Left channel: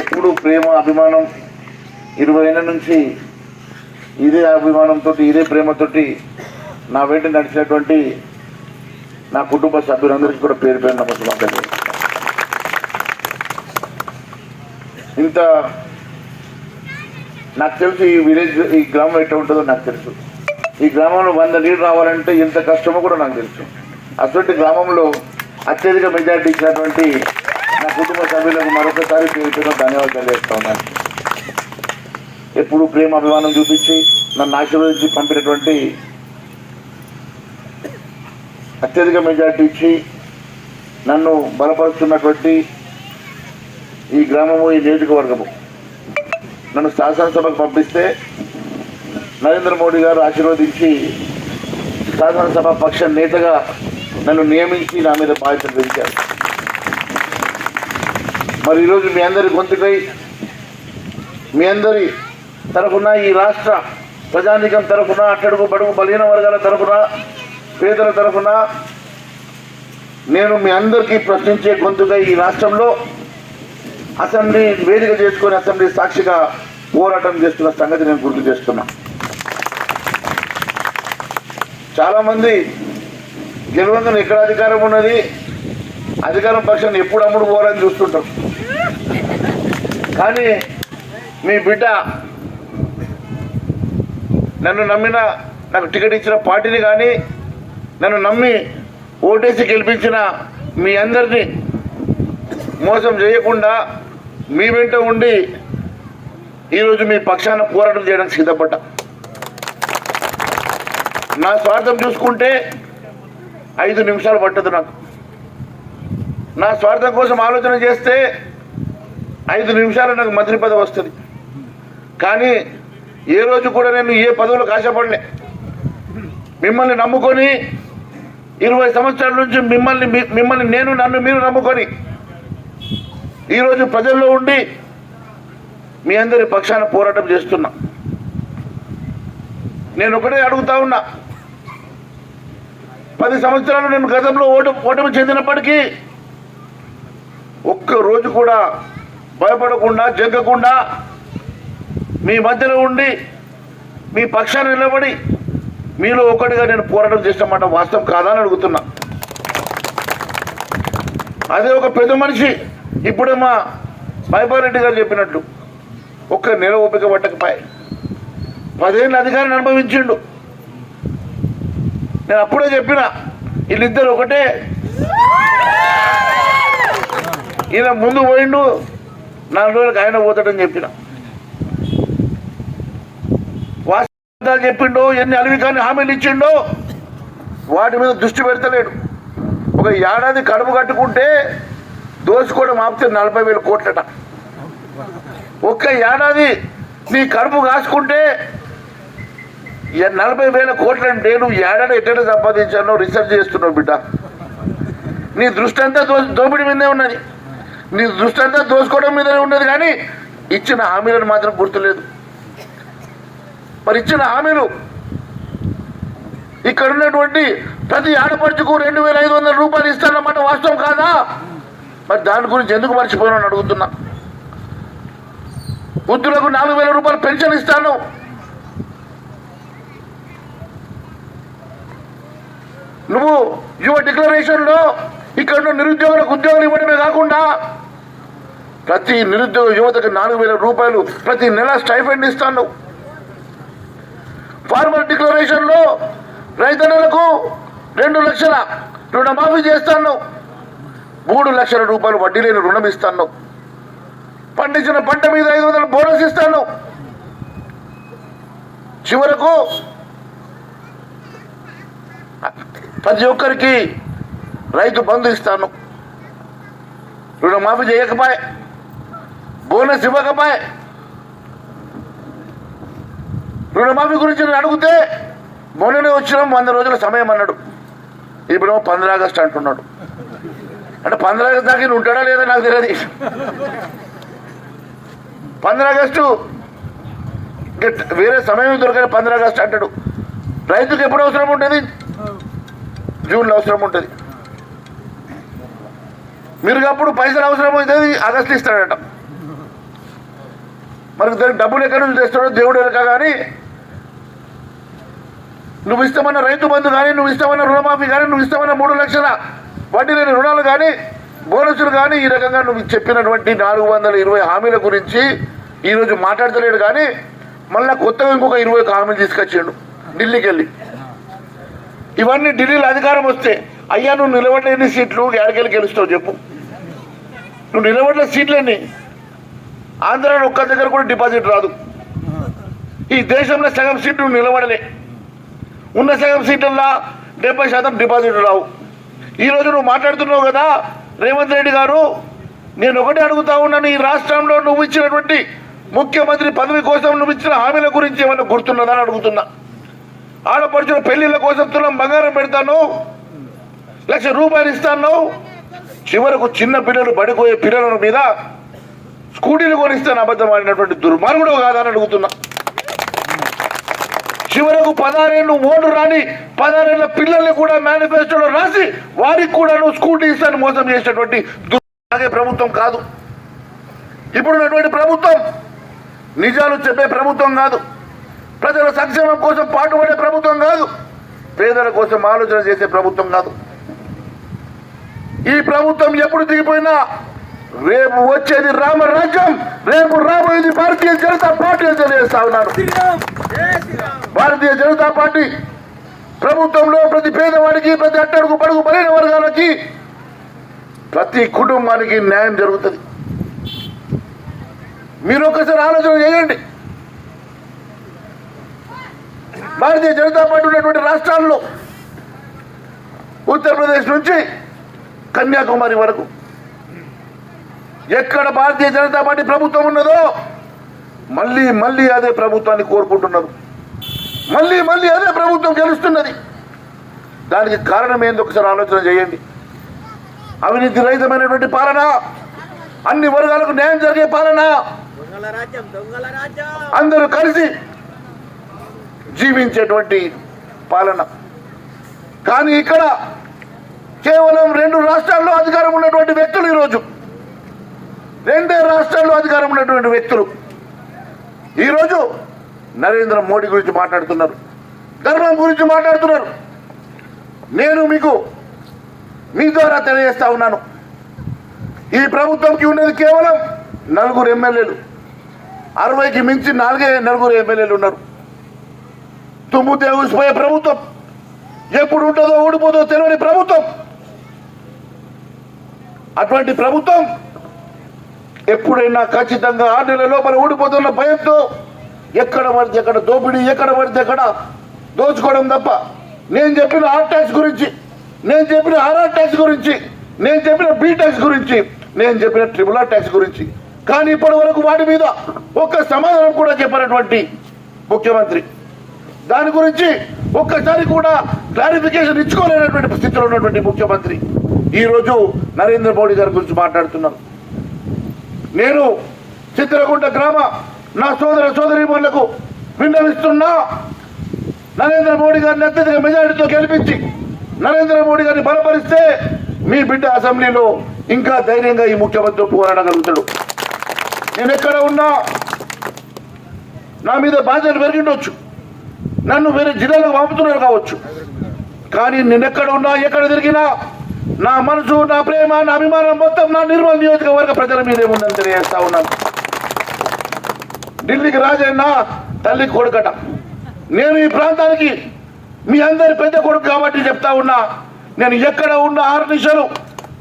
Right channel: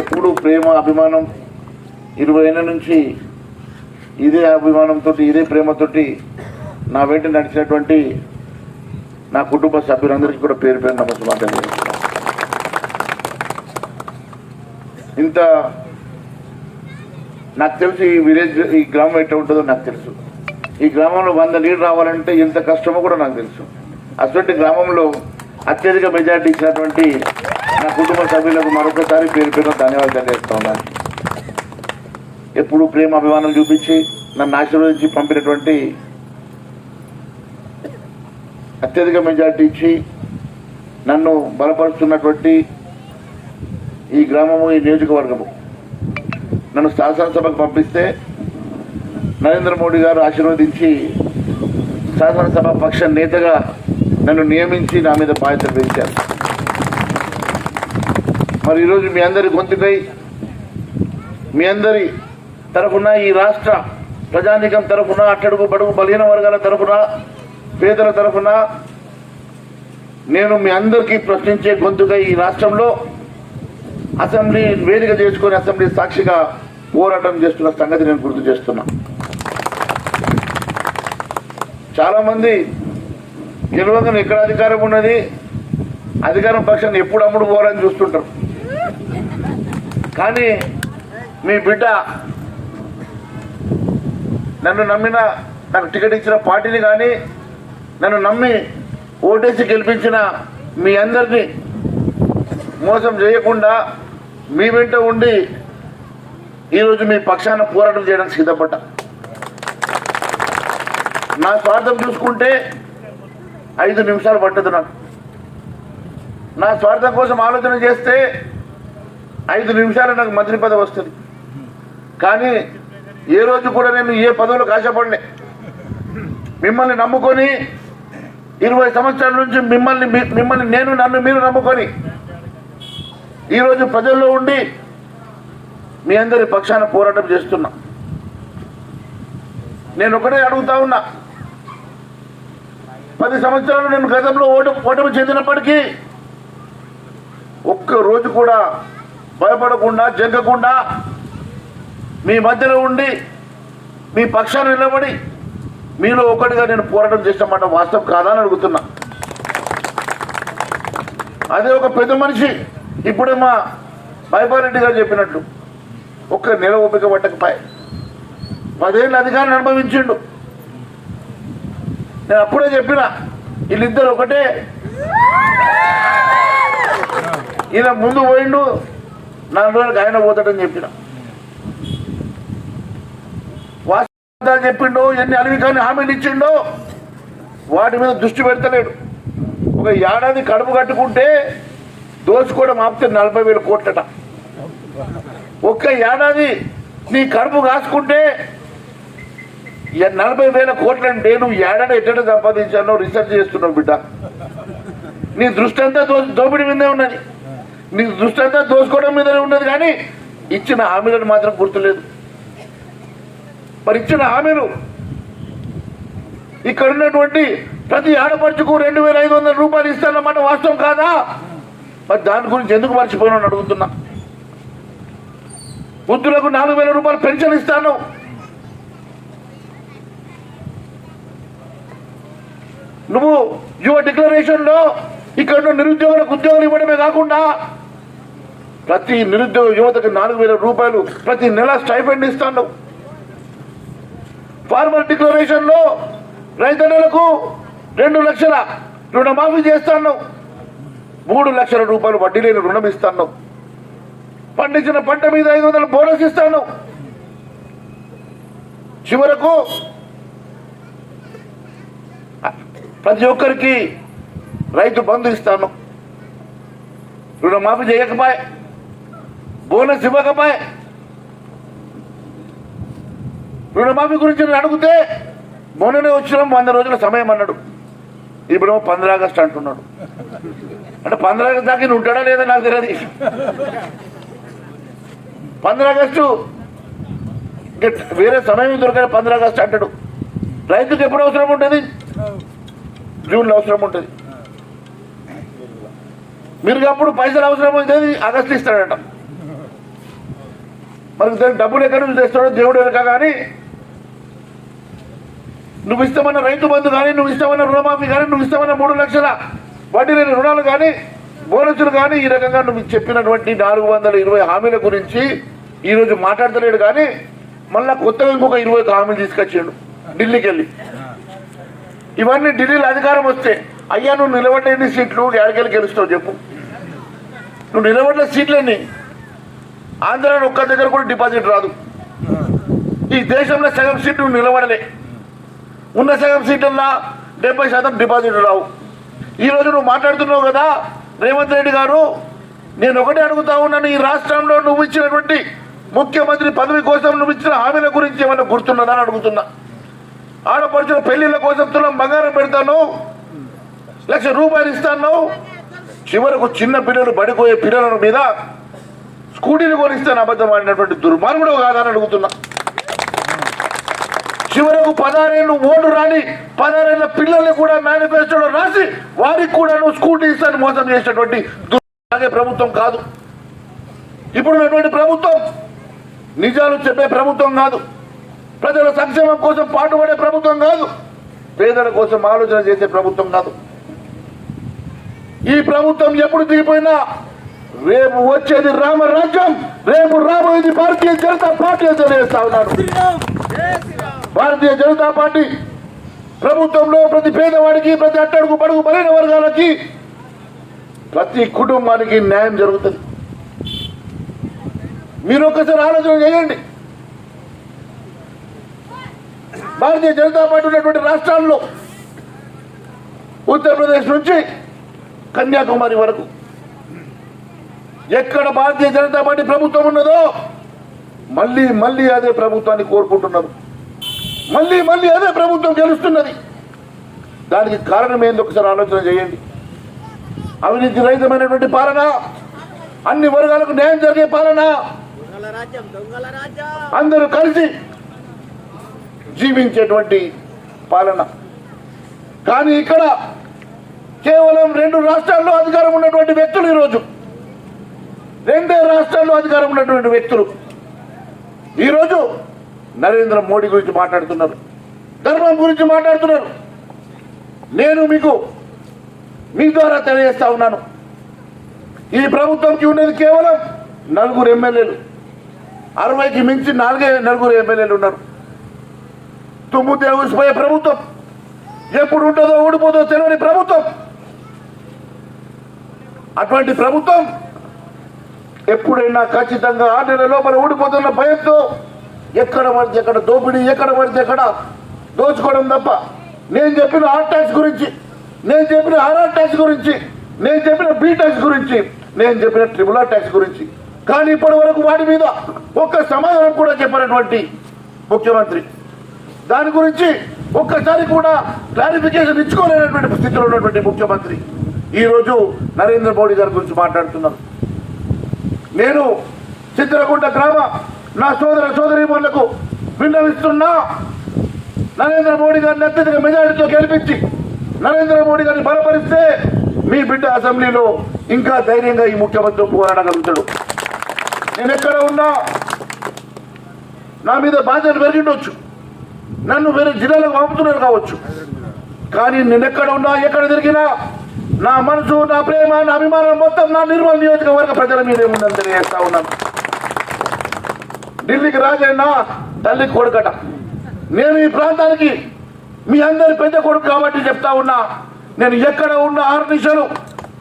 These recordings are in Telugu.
ఎప్పుడు ప్రేమ అభిమానం 20 ఏళ్ళ నుంచి ఇదే అభిమానంతో ఇదే ప్రేమతోటి నా వెంట నడిచినటువంటి నా కుటుంబ సభ్యులందరికీ కూడా పేరు పేరు నమస్కారం. ఇంత నాకు తెలుసు ఈ విలేజ్ ఈ గ్రామం ఎట్లా ఉంటుందో నాకు తెలుసు. ఈ గ్రామంలో 100 లీడర్ రావాలంటే ఎంత కష్టమో కూడా నాకు తెలుసు. అటువంటి గ్రామంలో అత్యధిక మెజార్టీ ఇచ్చినటువంటి నా కుటుంబ సభ్యులకు మరొకసారి పేరు పేరు ధన్యవాదాలు తెలియజేస్తా ఉన్నాను. ఎప్పుడు ప్రేమ అభిమానం చూపించి నన్ను ఆశీర్వదించి పంపినటువంటి అత్యధిక మెజార్టీ ఇచ్చి నన్ను బలపరుస్తున్నటువంటి ఈ గ్రామము ఈ నియోజకవర్గము నన్ను శాసనసభకు పంపిస్తే నరేంద్ర మోడీ గారు ఆశీర్వదించి శాసనసభ పక్ష నేతగా నన్ను నియమించి నా మీద బాధ్యతలు పెంచారు. మరి ఈరోజు మీ అందరి గొంతుకై మీ అందరి తరఫున ఈ రాష్ట్ర ప్రజానీకం తరఫున అట్టడుగు బడుగు బలహీన వర్గాల తరఫున పేదల తరఫున నేను మీ అందరికీ ప్రశ్నించే గొంతుగా ఈ రాష్ట్రంలో అసెంబ్లీ వేదిక చేసుకొని అసెంబ్లీ సాక్షిగా పోరాటం చేస్తున్న సంగతి నేను గుర్తు చేస్తున్నా. చాలామంది గెలవంగానే ఎక్కడ అధికారం ఉన్నది, అధికారం పక్షాన్ని ఎప్పుడు అమ్ముడు పోవాలని చూస్తుంటారు. కానీ మీ బిడ్డ నన్ను నమ్మిన నాకు టికెట్ ఇచ్చిన పార్టీని కానీ నన్ను నమ్మి ఓటేసి గెలిపించిన మీ అందరినీ మోసం చేయకుండా మీ వెంట ఉండి ఈరోజు మీ పక్షాన పోరాటం చేయడానికి సిద్ధపడ్డా. నా స్వార్థం చూసుకుంటే 5 నిమిషాలు పట్టదు నాకు. నా స్వార్థం కోసం ఆలోచన చేస్తే 5 నిమిషాలు నాకు మంత్రి పదవి వస్తుంది. కానీ ఏ రోజు కూడా నేను ఏ పదవులకు ఆశపడలే. మిమ్మల్ని నమ్ముకొని 20 సంవత్సరాల నుంచి మిమ్మల్ని నన్ను మీరు నమ్ముకొని ఈరోజు ప్రజల్లో ఉండి మీ అందరి పక్షాన పోరాటం చేస్తున్నా. నేను ఒకటే అడుగుతా ఉన్నా, 10 సంవత్సరాలు నేను గతంలో ఓటమి చెందినప్పటికీ ఒక్క రోజు కూడా భయపడకుండా జంకకుండా మీ మధ్యలో ఉండి మీ పక్షాన నిలబడి మీలో ఒకటిగా నేను పోరాటం చేసినమాట వాస్తవం కాదా అని అడుగుతున్నా. అదే ఒక పెద్ద మనిషి ఇప్పుడే మా మైపారెడ్డి గారు చెప్పినట్లు ఒక్క నెల ఓపిక పట్టకపోయి 10 ఏళ్ళ అధికారాన్ని అనుభవించిండు. నేను అప్పుడే చెప్పిన వీళ్ళిద్దరు ఒకటే, ఇలా ముందు పోయిండు 4 రోజులకు ఆయన పోతాడని చెప్పిన. వాస్తవాలు చెప్పిండో ఎన్ని అలవికాన్ని హామీలు ఇచ్చిండో వాటి మీద దృష్టి పెడతలేడు. ఒక ఏడాది కడుపు కట్టుకుంటే దోచుకోవడం ఆపితే 40,000 కోట్లట. ఒక్క ఏడాది నీ కడుపు కాసుకుంటే 40,000 కోట్లు అంటే నువ్వు ఏడాది ఎట్ట సంపాదించానో రీసెర్చ్ చేస్తున్నావు బిడ్డ. నీ దృష్టి అంతా దోపిడీ మీదే ఉన్నది, నీ దృష్టి అంతా దోచుకోవడం మీదనే ఉన్నది. కానీ ఇచ్చిన హామీలను మాత్రం గుర్తులేదు. మరి ఇచ్చిన హామీలు ఇక్కడ ఉన్నటువంటి ప్రతి ఆడపడుచుకు 2,500 రూపాయలు ఇస్తానన్నమాట వాస్తవం కాదా? మరి దాని గురించి ఎందుకు మర్చిపోయినా అడుగుతున్నా. వృద్ధులకు 4,000 రూపాయలు పెన్షన్ ఇస్తాను. నువ్వు యువ డిక్లరేషన్లో ఇక్కడ నిరుద్యోగులకు ఉద్యోగాలు ఇవ్వడమే కాకుండా ప్రతి నిరుద్యోగ యువతకు 4,000 రూపాయలు ప్రతి నెల స్టైఫండ్ ఇస్తాను. ఫార్మర్ డిక్లరేషన్లో రైతన్నలకు 2 లక్షల రుణమాఫీ చేస్తాను. 3 లక్షల రూపాయలు వడ్డీ లేని రుణం ఇస్తాను. పండించిన పంట మీద 500 బోనస్ ఇస్తాను. చివరకు ప్రతి ఒక్కరికి రైతు బంధు ఇస్తాను. రుణమాఫీ చేయకపోయే, బోనస్ ఇవ్వకపోయే, రుణమాఫీ గురించి నేను అడిగితే మొన్ననే వచ్చినాం 100 రోజుల సమయం అన్నాడు. ఇప్పుడేమో 15 ఆగస్టు అంటున్నాడు. అంటే 15 ఆగస్టు దాకా ఉంటాడా లేదా నాకు తెలియదు. 15 ఆగస్టు వేరే సమయం దొరకని 15 ఆగస్టు అంటాడు. రైతుకు ఎప్పుడు అవసరం ఉంటుంది? జూన్లో అవసరం ఉంటుంది. మీరు అప్పుడు పైసలు అవసరం అవుతుంది, ఆగస్టు ఇస్తాడట. మరి దానికి డబ్బులు ఎక్కడి నుంచి తెస్తాడో దేవుడు ఎరక. కానీ నువ్వు ఇష్టమైన రైతు బంధు కానీ, నువ్వు ఇష్టమైన రుణమాఫీ కానీ, నువ్వు ఇష్టమైన 3 లక్షల వడ్డీ లేని రుణాలు కానీ, బోనసులు కానీ, ఈ రకంగా నువ్వు చెప్పినటువంటి 420 హామీల గురించి ఈరోజు మాట్లాడతలేడు. కానీ మళ్ళీ కొత్తగా ఇంకొక 20 హామీలు తీసుకొచ్చాడు ఢిల్లీకి వెళ్ళి. ఇవన్నీ ఢిల్లీలో అధికారం వస్తే, అయ్యా నువ్వు నిలబడలేని సీట్లు ఎక్కడికెళ్ళి గెలుస్తావు చెప్పు. నువ్వు నిలబడలే సీట్లన్నీ ఆంధ్రాలో ఒక్క దగ్గర కూడా డిపాజిట్ రాదు. ఈ దేశంలో సగం సీట్లు నిలబడలే. ఉన్న సగం సీట్లల్లో 70% డిపాజిట్ రావు. ఈరోజు నువ్వు మాట్లాడుతున్నావు కదా రేవంత్ రెడ్డి గారు, నేను ఒకటే అడుగుతా ఉన్నాను, ఈ రాష్ట్రంలో నువ్వు ఇచ్చినటువంటి ముఖ్యమంత్రి పదవి కోసం నువ్వు ఇచ్చిన హామీల గురించి ఏమన్నా గుర్తున్నదా అని అడుగుతున్నా. ఆడపడుచుల పెళ్లిళ్ళ కోసం తులం బంగారం పెడతాను, ₹1,00,000 ఇస్తాను, చివరకు చిన్న పిల్లలు బడిపోయే పిల్లల మీద స్కూటీలు కొనిస్తాను అబద్ధం ఆడినటువంటి దుర్మార్గుడు కాదని అడుగుతున్నా. చివరకు 16 ఏళ్ళు ఓటు రాని 16 ఏళ్ళ పిల్లల్ని కూడా మేనిఫెస్టోలో రాసి వారికి కూడా నువ్వు స్కూటీ ఇస్తాను మోసం చేసేటువంటి ప్రభుత్వం కాదు ఇప్పుడున్నటువంటి ప్రభుత్వం. నిజాలు చెప్పే ప్రభుత్వం కాదు, ప్రజల సంక్షేమం కోసం పాటుపడే ప్రభుత్వం కాదు, పేదల కోసం ఆలోచన చేసే ప్రభుత్వం కాదు. ఈ ప్రభుత్వం ఎప్పుడు దిగిపోయినా రేపు వచ్చేది రామరాజ్యం, రేపు రాబోయేది భారతీయ జనతా పార్టీ తెలియజేస్తా ఉన్నారు. భారతీయ జనతా పార్టీ ప్రభుత్వంలో ప్రతి పేదవాడికి, ప్రతి అట్టడుగు పడుగు బలైన వర్గాలకి, ప్రతి కుటుంబానికి న్యాయం జరుగుతుంది. మీరు ఒక్కసారి ఆలోచన చేయండి. భారతీయ జనతా పార్టీ ఉన్నటువంటి రాష్ట్రాల్లో ఉత్తరప్రదేశ్ నుంచి కన్యాకుమారి వరకు ఎక్కడ భారతీయ జనతా పార్టీ ప్రభుత్వం ఉన్నదో మళ్ళీ మళ్ళీ అదే ప్రభుత్వాన్ని కోరుకుంటున్నారు. మళ్ళీ మళ్ళీ అదే ప్రభుత్వం గెలుస్తున్నది. దానికి కారణం ఏందో ఒకసారి ఆలోచన చేయండి. అవినీతి రహితమైనటువంటి పాలన, అన్ని వర్గాలకు న్యాయం జరిగే పాలన, అందరూ కలిసి జీవించేటువంటి పాలన. కానీ ఇక్కడ కేవలం 2 రాష్ట్రాల్లో అధికారం ఉన్నటువంటి వ్యక్తులు, ఈరోజు 2 రాష్ట్రాల్లో అధికారం ఉన్నటువంటి వ్యక్తులు ఈరోజు నరేంద్ర మోడీ గురించి మాట్లాడుతున్నారు, ధర్మం గురించి మాట్లాడుతున్నారు. నేను మీ ద్వారా తెలియజేస్తా ఉన్నాను, ఈ ప్రభుత్వంకి ఉన్నది కేవలం 4 ఎమ్మెల్యేలు, 60కి మించి 4 ఎమ్మెల్యేలు ఉన్నారు. తుమ్ముతే ఊసిపోయే ప్రభుత్వం, ఎప్పుడు ఉంటుందో ఊడిపోదో తెలియని ప్రభుత్వం. అటువంటి ప్రభుత్వం ఎప్పుడైనా ఖచ్చితంగా 6 నెలల లోపల ఊడిపోతున్న భయంతో ఎక్కడ పడితే ఎక్కడ దోపిడీ, ఎక్కడ పడితే ఎక్కడ దోచుకోవడం తప్ప. నేను చెప్పిన ఆర్ ట్యాక్స్ గురించి, నేను చెప్పిన ఆర్ఆర్ ట్యాక్స్ గురించి, నేను చెప్పిన బి ట్యాక్స్ గురించి, నేను చెప్పిన ట్రిపుల్ ట్యాక్స్ గురించి, కానీ ఇప్పటి వరకు వాటి మీద ఒక్క సమాధానం కూడా చెప్పినటువంటి ముఖ్యమంత్రి, దాని గురించి ఒక్కసారి కూడా క్లారిఫికేషన్ ఇచ్చుకోలేనటువంటి స్థితిలో ఉన్నటువంటి ముఖ్యమంత్రి ఈరోజు నరేంద్ర మోడీ గారి గురించి మాట్లాడుతున్నాను. నేను చిత్రకుంట గ్రామ నా సోదర సోదరీమణులకు విన్నవిస్తున్నా, నరేంద్ర మోడీ గారిని అత్యధిక మెజారిటీతో గెలిపించి నరేంద్ర మోడీ గారిని బలపరిస్తే మీ బిడ్డ అసెంబ్లీలో ఇంకా ధైర్యంగా ఈ ముఖ్యమంత్రి పోరాడగలుగుతాడు. నేను ఎక్కడ ఉన్నా నా మీద బాధ్యత పెరిగిండొచ్చు, నన్ను వేరే జిల్లాలకు పంపుతున్నారు కావచ్చు, కానీ నేను ఎక్కడ ఉన్నా ఎక్కడ తిరిగినా నా మనసు, నా ప్రేమ, నా అభిమానం మొత్తం నా నిర్మల్ నియోజకవర్గ ప్రజల మీద ఏముందని తెలియజేస్తా ఉన్నాను. ఢిల్లీకి రాజైనా తల్లి కొడుకట. నేను ఈ ప్రాంతానికి మీ అందరి పెద్ద కొడుకు కాబట్టి చెప్తా ఉన్నా, నేను ఎక్కడ ఉన్న 6 నిమిషాలు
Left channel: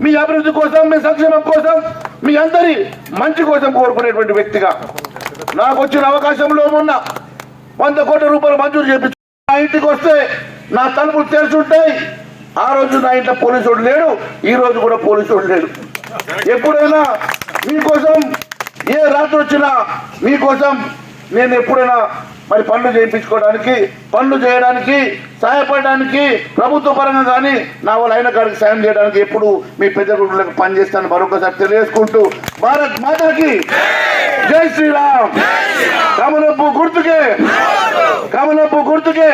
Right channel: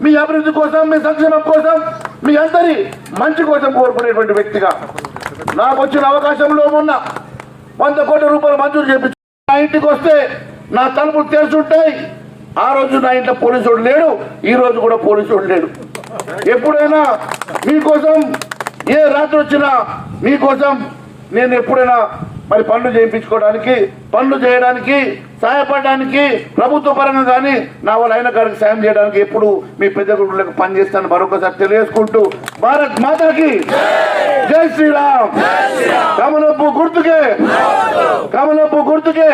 మీ అభివృద్ధి కోసం, మీ సంక్షేమం కోసం, మీ అందరి మంచి కోసం కోరుకునేటువంటి వ్యక్తిగా నాకు వచ్చిన అవకాశంలో ఉన్న 100 కోట్ల రూపాయలు మంజూరు చేయించు. నా ఇంటికి వస్తే నా తలుపులు తెరిచి ఉంటాయి. ఆ రోజు నా ఇంట్లో పోలీసుడు లేడు, ఈ రోజు కూడా పోలీసుడు లేడు. ఎప్పుడైనా మీకోసం ఏ రాత్రి వచ్చినా మీకోసం నేను ఎప్పుడైనా మరి పనులు చేయించుకోవడానికి, పనులు చేయడానికి, సహాయపడడానికి, ప్రభుత్వ పరంగా కానీ నా వాళ్ళు అయిన కాడికి సాయం చేయడానికి ఎప్పుడు మీ పెద్ద గురువులకు పనిచేస్తాను మరొకసారి తెలియజేసుకుంటూ, భారత్ మాతాకి జై శ్రీరామ్. కమలపు గుర్తుకే, కమలపు గుర్తుకే.